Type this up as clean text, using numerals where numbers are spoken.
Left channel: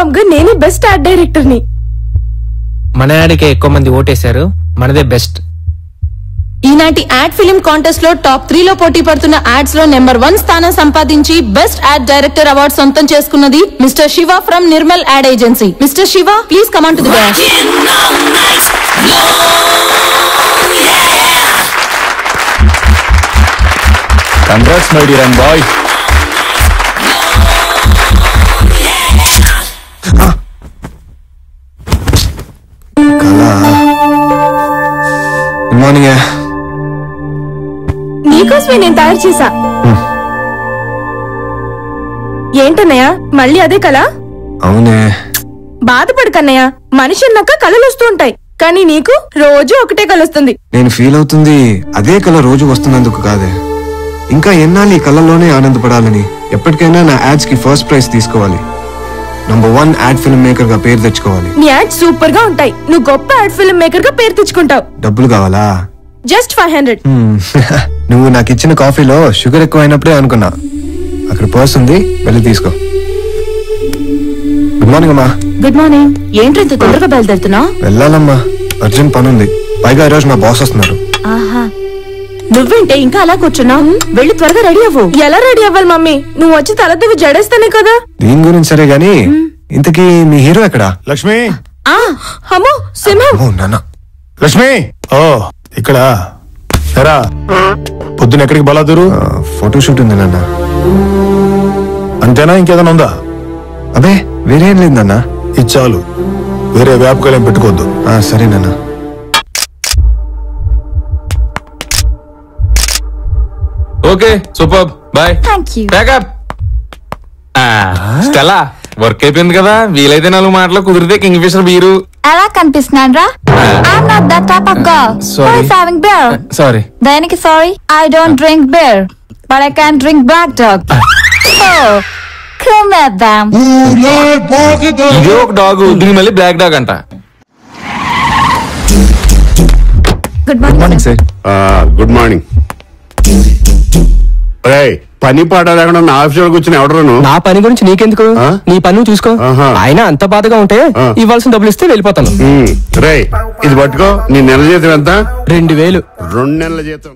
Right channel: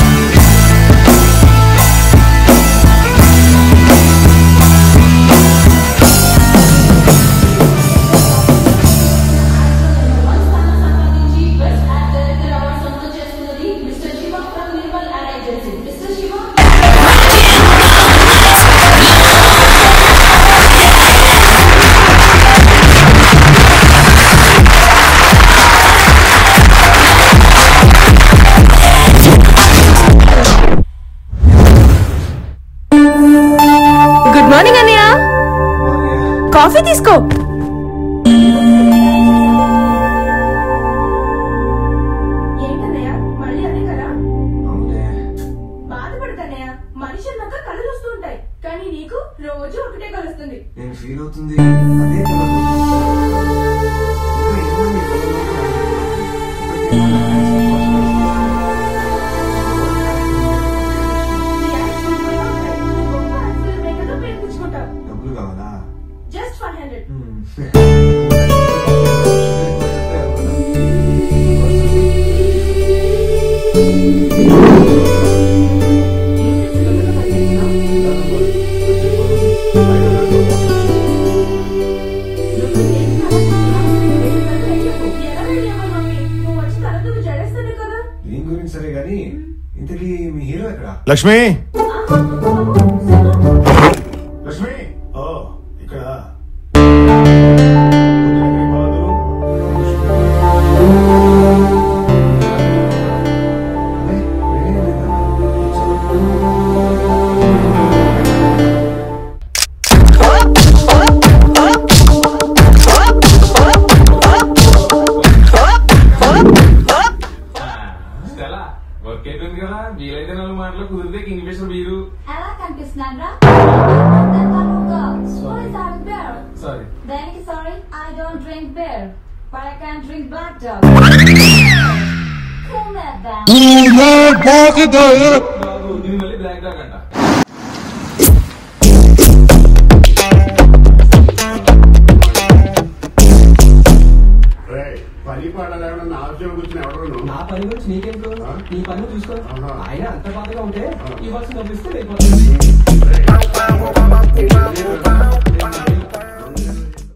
Confirm గా నేను best add director ని. మన యాడ్కి ఎక్కువ మంది ఓటేశారు, మనదే బెస్ట్. ఈనాటి యాడ్ ఫిలిం కాంటెస్ట్ లో టాప్ 3 లో పోటీ పడుతున్న యాడ్స్ లో నెంబర్ 1 స్థానం సంపాదించి బెస్ట్ యాడ్ డైరెక్టర్ అవార్డు సొంతం చేసుకున్నది mister Shiva from Nirmal ad agency. Mister Shiva, please come on to the good morning అన్నయ్య. Good morning. కాఫీ తీసుకో, నీకోసమే నేను తయారు చేశా. ఏంటన్నయ్య మళ్ళీ అదే కళ? అవునే. బాధపడకన్నయ్య, మనిషి అన్నాక కళలు వస్తూ ఉంటాయి, కానీ నీకు రోజు ఒకటే కళ వస్తుంది. నేను ఫీల్ అవుతుంది అదే కళ రోజు వస్తున్నందుకు కాదే, ఇంకా ఎన్నాళ్ళు ఈ కళలోనే ఆనందపడాలని. ఎప్పటికైనా నా యాడ్స్ కి ఫస్ట్ ప్రైజ్ తీసుకోవాలి, నంబర్ 1 యాడ్ ఫిల్మ్ మేకర్ గా పేరు తెచ్చుకోవాలి. నీ యాడ్ సూపర్ గా ఉంటాయి, నువ్వు గొప్ప యాడ్ ఫిల్మ్ మేకర్ గా పేరు తెచ్చుకుంటావు. డబ్బులు కావాలా? జస్ట్ 500. నువ్వు నాకు ఇచ్చిన కాఫీలో షుగర్ ఎక్కువ అయినప్పుడే అనుకున్నా. అక్కడ పర్స్ ఉంది, వెళ్ళి తీసుకో. గుడ్ మార్నింగ్ అమ్మా. Good morning. ఏంటి ఇంత తొందరగా బయలుదేరుతున్నా? వెళ్ళాలమ్మా, అర్జెంట్ పని ఉంది. పైగా ఈ రోజు నా బాస్ వస్తున్నారు. నువ్వేంటే ఇంకా అలా కూర్చున్నావు? వెళ్ళి త్వరగా రెడీ అవ్వు. ఎలా రెడీ అవ్వాలి మమ్మీ? నువ్వు వచ్చి తలదివి జడేస్తానే కదా. దీని గురించి సరే గానీ, ఇంతకీ మీ హీరో ఎక్కడా? లక్ష్మి. అమ్మో సింహం. లక్ష్మి. ఓ ఇక్కడ ఎరా, పొద్దున ఎక్కడికి బలాదురు? ఫోటోషూట్ ఉంది నాన్న. అంతేనా, ఇంకేదైనా ఉందా? అబే వేరేం లేదన్నా. ఇచ్చాలు, వేరే వ్యాపకాలేం పెట్టుకోద్దు. సరే నాన్న. Okay, super, bye. Stella, work అయిపోయింది కదా, వీలైతే 4 మాటలు, కుదిరితే కింగ్ ఫిషర్ బీరు. ఎలా కనిపిస్తున్నాను రా? I'm not that type of girl. Sorry. Who is having beer? Sorry. దేనికి sorry? I don't drink beer, but I can drink black dog. Oh, come at them. ఇది ఒక డాగ్, దీని మళ్ళీ black dog అంట. Good morning, sir. Good morning. పని పాట లేకుండా నా ఆఫీస్ లో కూర్చుని ఎవడరు? నా పని గురించి నీకెందుకు, నీ పని చూసుకో. ఆయన అంత బాధగా ఉంటే ఇవ్వాల్సిన డబ్బులు ఇస్తే వెళ్ళిపోతాను. రే, ఇది పట్టుకో. నీ నెల జీతం ఎంత? 2000. 2 నెలల జీతం.